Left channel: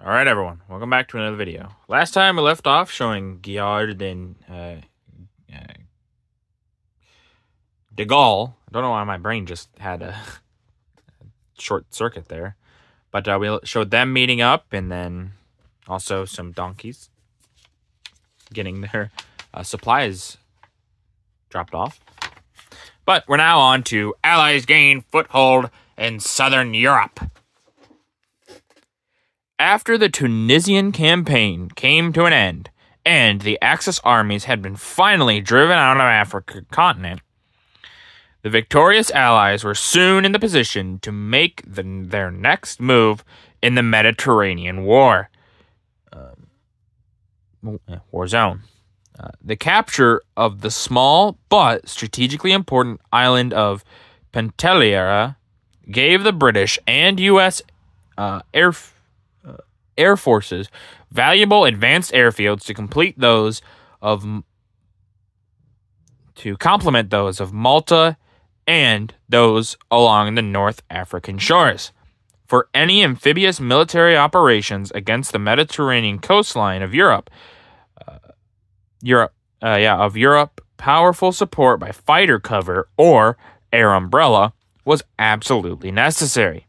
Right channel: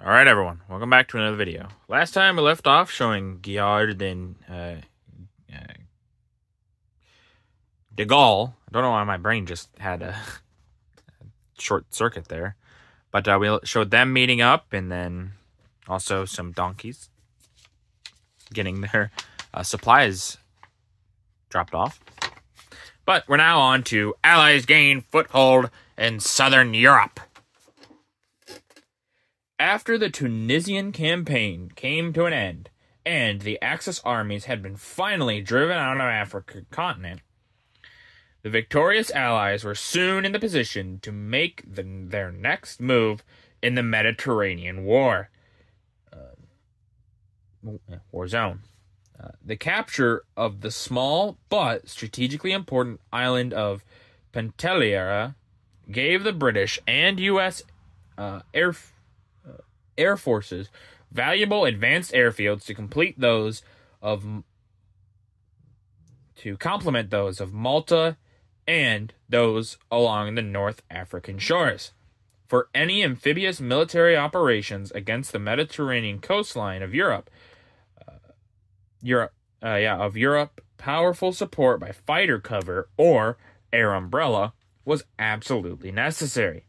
Alright everyone, welcome back to another video. Last time we left off showing Guillard and de Gaulle. I don't know why my brain just had a short circuit there. But we showed them meeting up, and then also some donkeys getting their supplies dropped off. But we're now on to Allies gain foothold in southern Europe. After the Tunisian campaign came to an end, and the Axis armies had been finally driven out of the African continent, the victorious Allies were soon in the position to make their next move in the Mediterranean war zone. The capture of the small but strategically important island of Pictorial gave the British and U.S. Air forces valuable advanced airfields to complement those of Malta and those along the North African shores. For any amphibious military operations against the Mediterranean coastline of Europe, powerful support by fighter cover or air umbrella was absolutely necessary.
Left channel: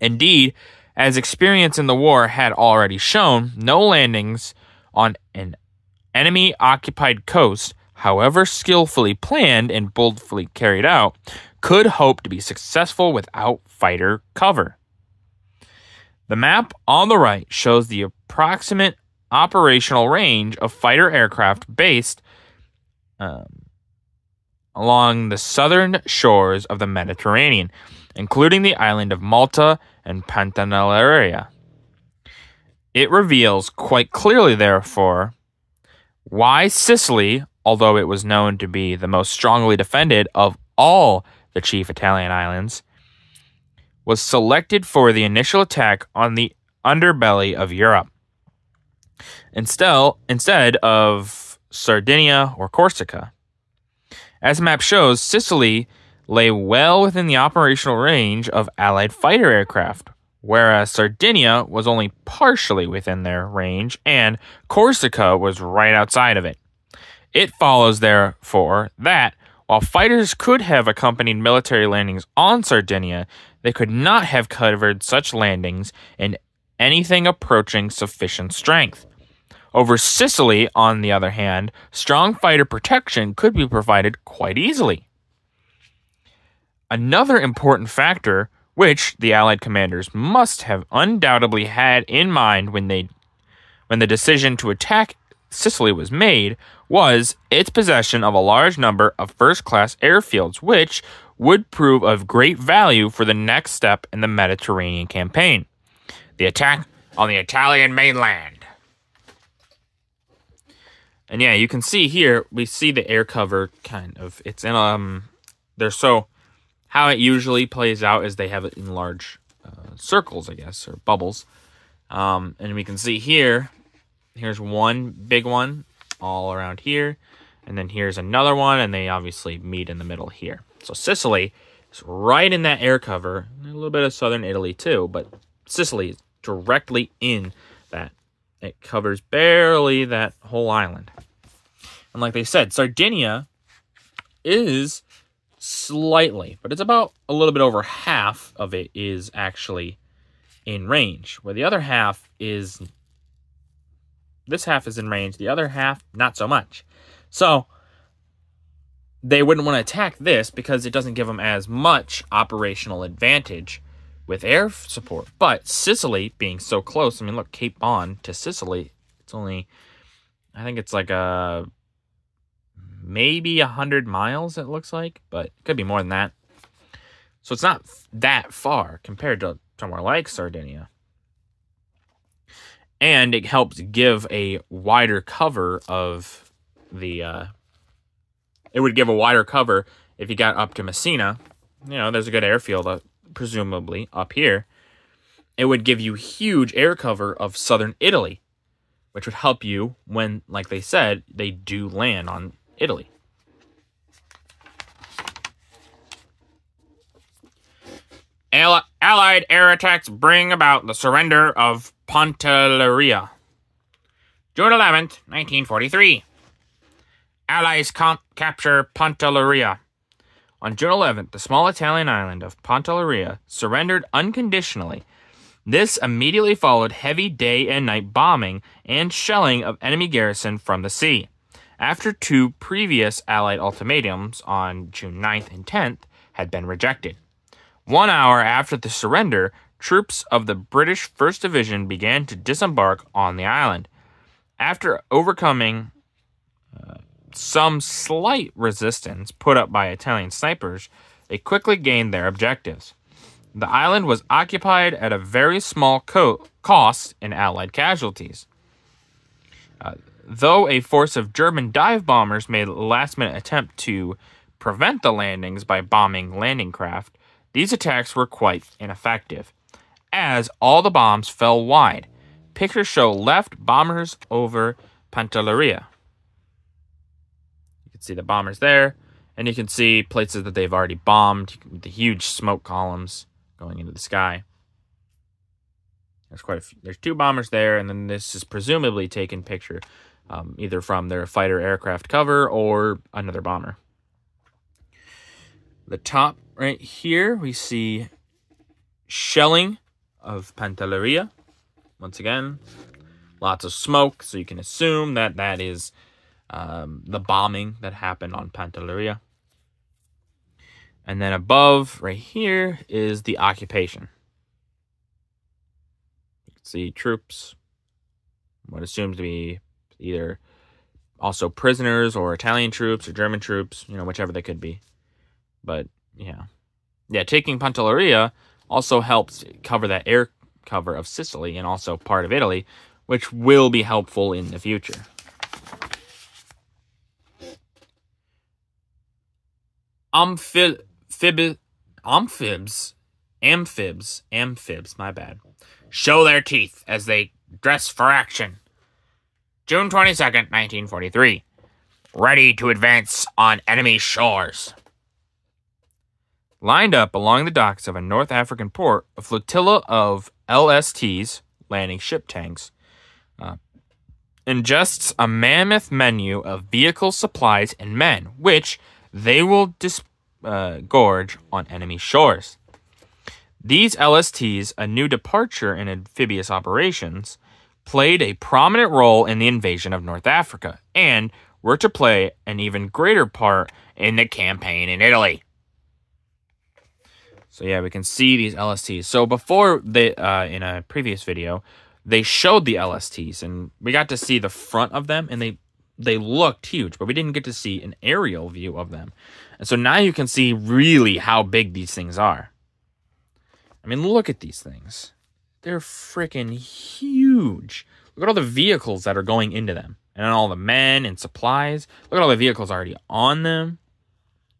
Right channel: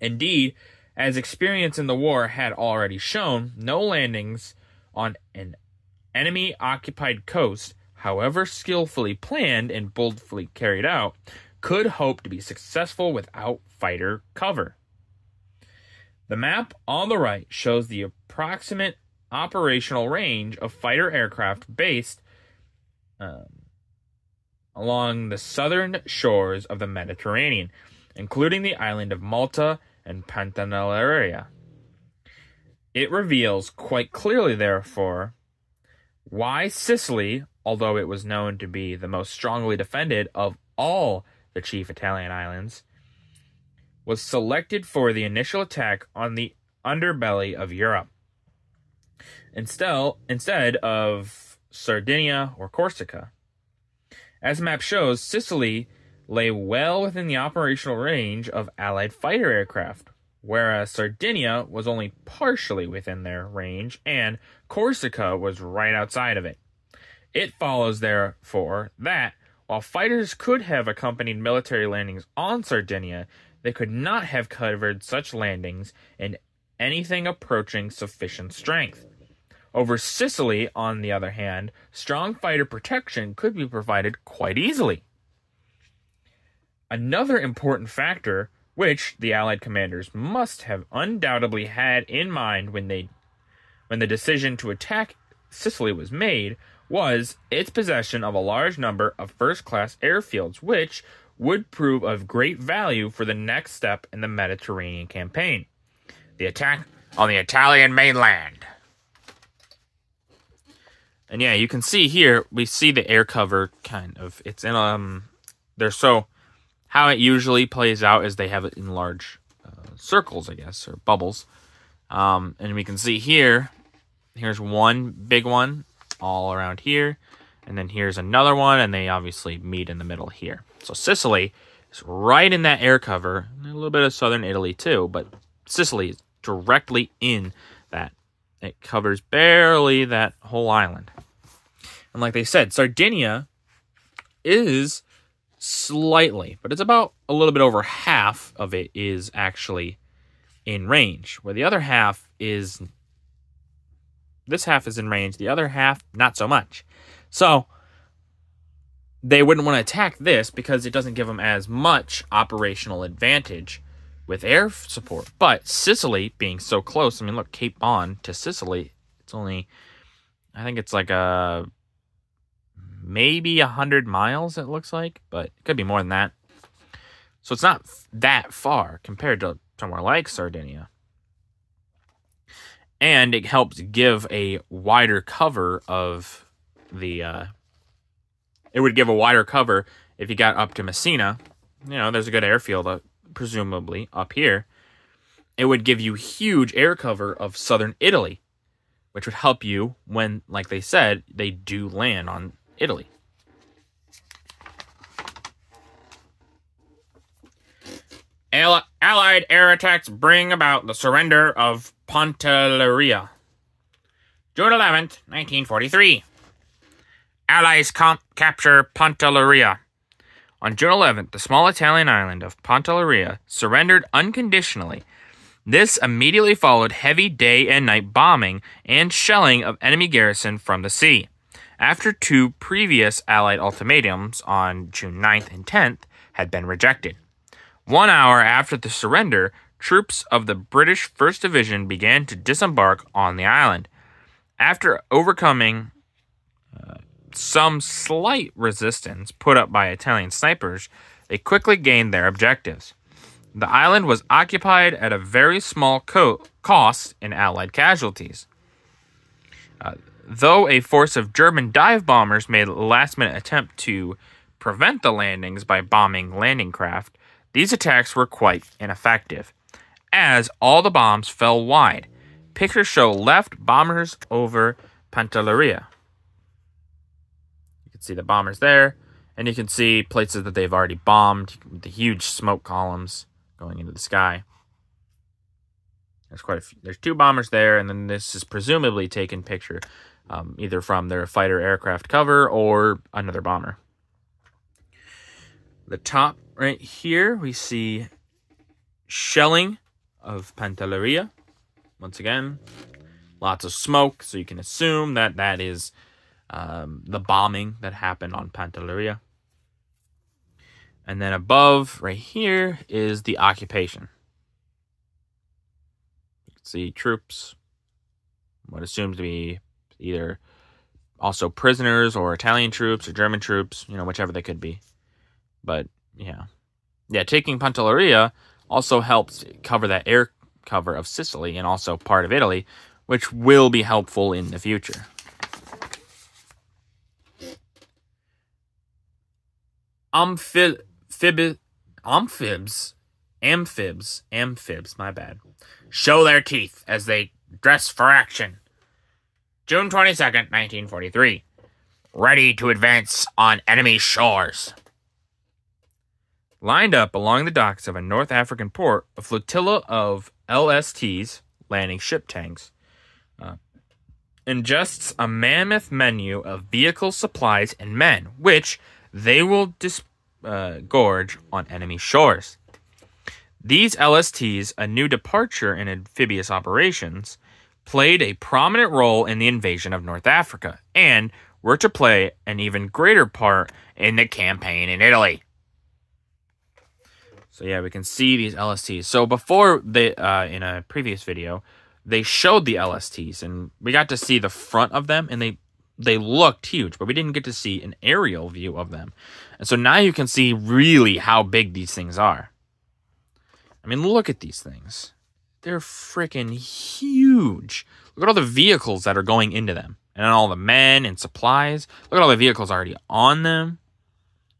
Indeed, as experience in the war had already shown, no landings on an enemy-occupied coast, however skillfully planned and boldly carried out, could hope to be successful without fighter cover. The map on the right shows the approximate operational range of fighter aircraft based along the southern shores of the Mediterranean, including the island of Malta and Pictorial. It reveals quite clearly, therefore, why Sicily, although it was known to be the most strongly defended of all the chief Italian islands, was selected for the initial attack on the underbelly of Europe, instead of Sardinia or Corsica. As the map shows, Sicily lay well within the operational range of Allied fighter aircraft, whereas Sardinia was only partially within their range, and Corsica was right outside of it. It follows, therefore, that while fighters could have accompanied military landings on Sardinia, they could not have covered such landings in anything approaching sufficient strength. Over Sicily, on the other hand, strong fighter protection could be provided quite easily. Another important factor, which the Allied commanders must have undoubtedly had in mind when the decision to attack Sicily was made, was its possession of a large number of first-class airfields, which would prove of great value for the next step in the Mediterranean campaign, the attack on the Italian mainland. And yeah, you can see here, we see the air cover kind of, it's in, how it usually plays out is they have it in large circles, I guess, or bubbles. And we can see here's one big one all around here, and then here's another one, and they obviously meet in the middle here. So Sicily is right in that air cover, and a little bit of southern Italy too, but Sicily is directly in that. It covers barely that whole island. And like they said, Sardinia is slightly, but it's about a little bit over half of it is actually in range, where the other half is, this half is in range, the other half not so much. So they wouldn't want to attack this because it doesn't give them as much operational advantage with air support. But Sicily being so close, I mean, look, Cape Bon to Sicily, it's only, I think it's like maybe 100 miles, it looks like, but it could be more than that. So it's not that far compared to somewhere like Sardinia. And it helps give a wider cover of the, it would give a wider cover if you got up to Messina. You know, there's a good airfield, presumably, up here. It would give you huge air cover of southern Italy, which would help you when, like they said, they do land on Italy. Allied air attacks bring about the surrender of Pantelleria. June 11th, 1943. Allies capture Pantelleria. On June 11th, the small Italian island of Pantelleria surrendered unconditionally. This immediately followed heavy day and night bombing and shelling of enemy garrison from the sea. After two previous Allied ultimatums on June 9th and 10th had been rejected. 1 hour after the surrender, troops of the British 1st Division began to disembark on the island. After overcoming some slight resistance put up by Italian snipers, they quickly gained their objectives. The island was occupied at a very small cost in Allied casualties. Though a force of German dive bombers made a last-minute attempt to prevent the landings by bombing landing craft, these attacks were quite ineffective, as all the bombs fell wide. Pictures show left bombers over Pantelleria. You can see the bombers there, and you can see places that they've already bombed, the huge smoke columns going into the sky. There's quite a few. There's two bombers there, and then this is presumably taken picture either from their fighter aircraft cover or another bomber. The top right here, we see shelling of Pantelleria. Once again, lots of smoke, so you can assume that that is the bombing that happened on Pantelleria. And then above, right here, is the occupation. You can see troops, what assumes to be either also prisoners or Italian troops or German troops, you know, whichever they could be. But, yeah. Yeah, taking Pantelleria also helps cover that air cover of Sicily and also part of Italy, which will be helpful in the future. Amphibs, my bad, show their teeth as they dress for action. June 22nd, 1943. Ready to advance on enemy shores. Lined up along the docks of a North African port, a flotilla of LSTs, landing ship tanks, ingests a mammoth menu of vehicles, supplies, and men, which they will disgorge on enemy shores. These LSTs, a new departure in amphibious operations, played a prominent role in the invasion of North Africa, and were to play an even greater part in the campaign in Italy. So yeah, we can see these LSTs. So before, they in a previous video, they showed the LSTs, and we got to see the front of them, and they looked huge, but we didn't get to see an aerial view of them. And so now you can see really how big these things are. I mean, look at these things. They're freaking huge. Look at all the vehicles that are going into them. And all the men and supplies. Look at all the vehicles already on them.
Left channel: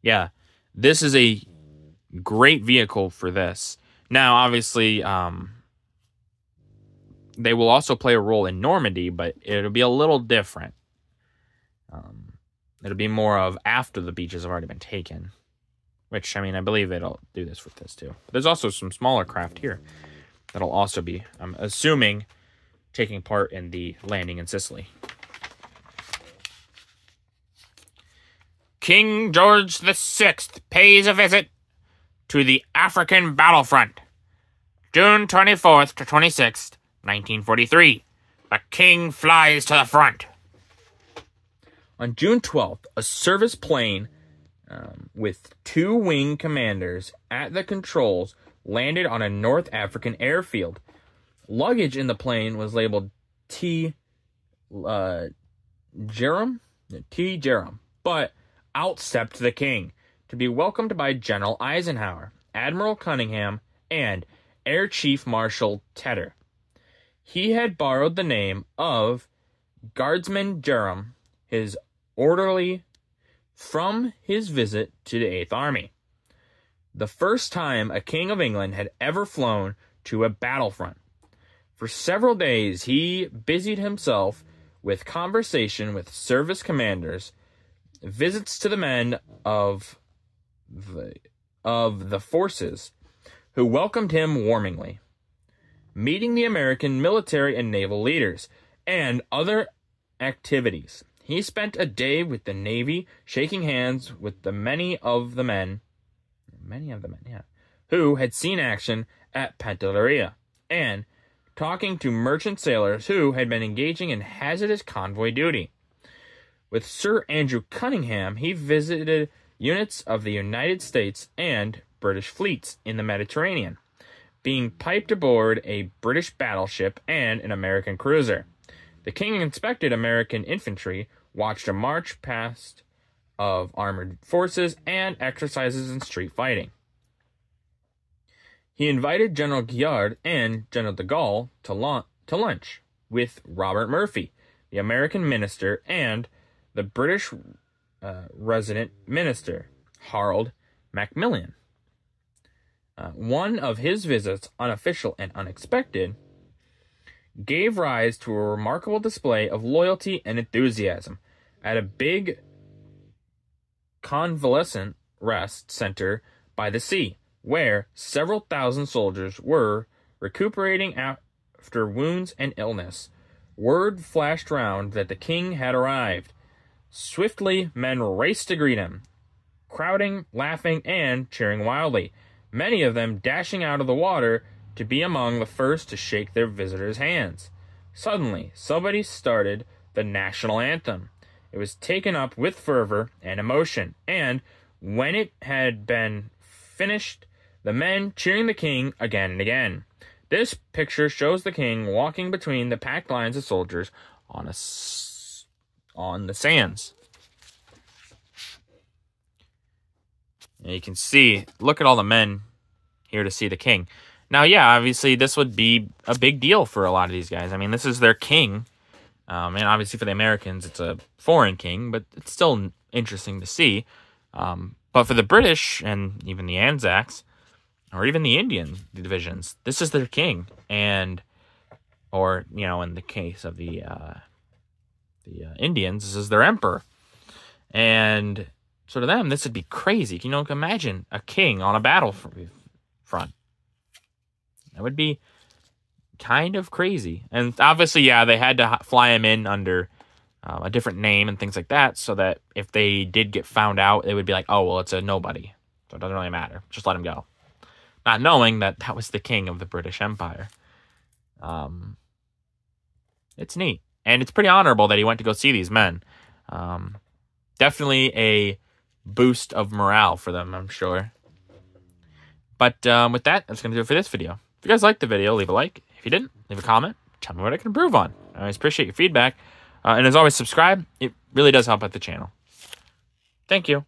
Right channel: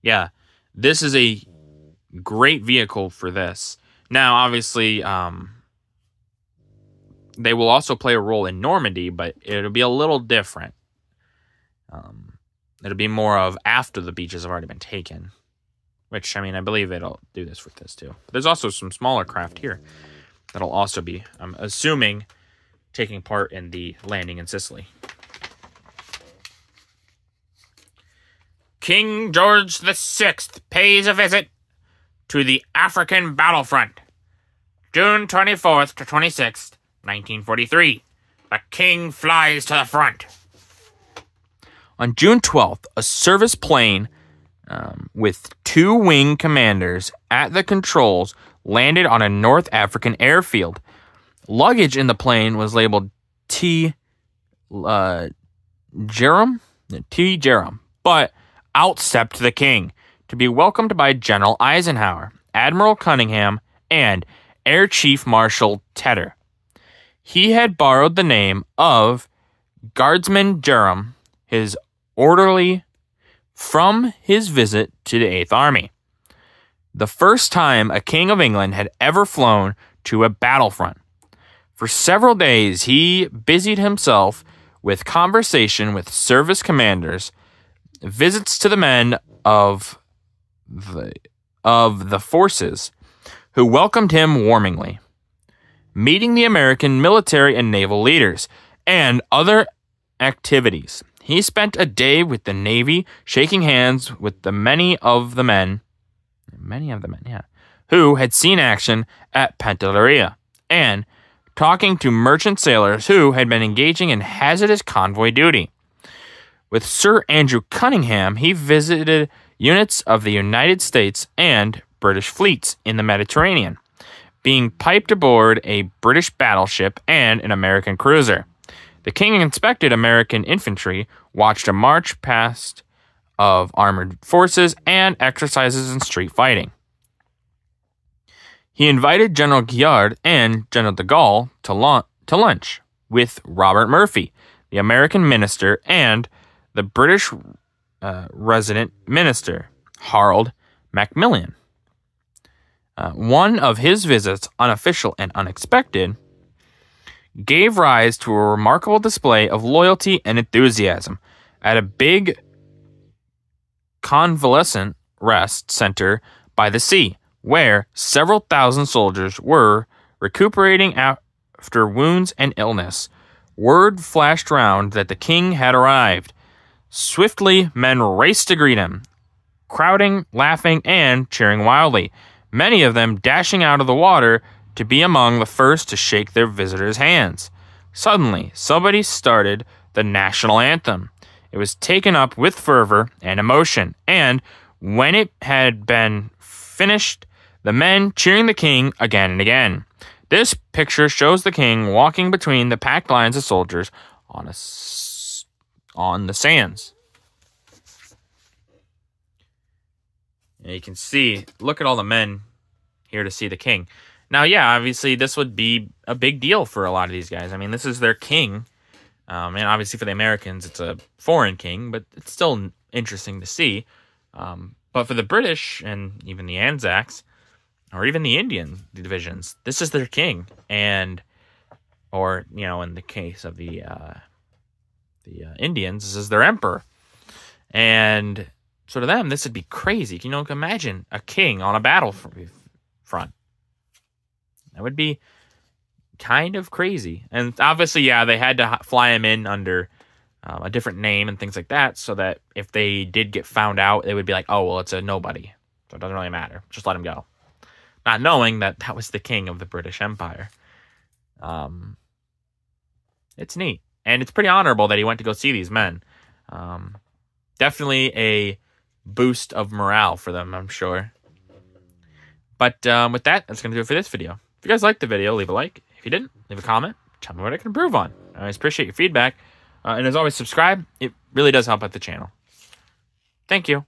Yeah, this is a great vehicle for this. Now, obviously, they will also play a role in Normandy, but it'll be a little different. It'll be more of after the beaches have already been taken. Which, I mean, I believe it'll do this with this too. But there's also some smaller craft here that'll also be, I'm assuming, taking part in the landing in Sicily. King George VI pays a visit to the African battlefront. June 24th to 26th, 1943. The king flies to the front. On June 12th, a service plane with two wing commanders at the controls landed on a North African airfield. Luggage in the plane was labeled T. Jerem, but out stepped the king to be welcomed by General Eisenhower, Admiral Cunningham, and Air Chief Marshal Tedder. He had borrowed the name of Guardsman Jerem, his orderly, from his visit to the 8th Army. The first time a king of England had ever flown to a battlefront. For several days, he busied himself with conversation with service commanders, visits to the men of the forces who welcomed him warmly. Meeting the American military and naval leaders, and other activities. He spent a day with the Navy, shaking hands with many of the men, who had seen action at Pictorial, and talking to merchant sailors who had been engaging in hazardous convoy duty. With Sir Andrew Cunningham, he visited units of the United States and British fleets in the Mediterranean, being piped aboard a British battleship and an American cruiser. The king inspected American infantry, watched a march past of armored forces, and exercises in street fighting. He invited General Gillard and General de Gaulle to lunch with Robert Murphy, the American minister, and the British resident minister, Harold Macmillan. One of his visits, unofficial and unexpected, gave rise to a remarkable display of loyalty and enthusiasm at a big convalescent rest center by the sea, where several thousand soldiers were recuperating after wounds and illness. Word flashed round that the king had arrived. Swiftly, men raced to greet him, crowding, laughing, and cheering wildly, many of them dashing out of the water to be among the first to shake their visitors' hands. Suddenly, somebody started the national anthem. It was taken up with fervor and emotion, and when it had been finished, the men cheering the king again and again. This picture shows the king walking between the packed lines of soldiers on the sands. And you can see, look at all the men here to see the king. Now, yeah, obviously this would be a big deal for a lot of these guys. I mean, this is their king. And obviously for the Americans, it's a foreign king, but it's still interesting to see. But for the British and even the Anzacs, or even the Indian divisions, this is their king. Or, you know, in the case of the Indians, this is their emperor. And so to them, this would be crazy. You know, imagine a king on a battlefront. That would be kind of crazy. And obviously, yeah, they had to fly him in under a different name and things like that, so that if they did get found out, they would be like, oh, well, it's a nobody. So it doesn't really matter. Just let him go. Not knowing that that was the king of the British Empire. It's neat. And it's pretty honorable that he went to go see these men. Definitely a boost of morale for them, I'm sure. But with that, that's going to do it for this video. If you guys liked the video, leave a like. If you didn't, leave a comment. Tell me what I can improve on. I always appreciate your feedback. And as always, subscribe. It really does help out the channel. Thank you.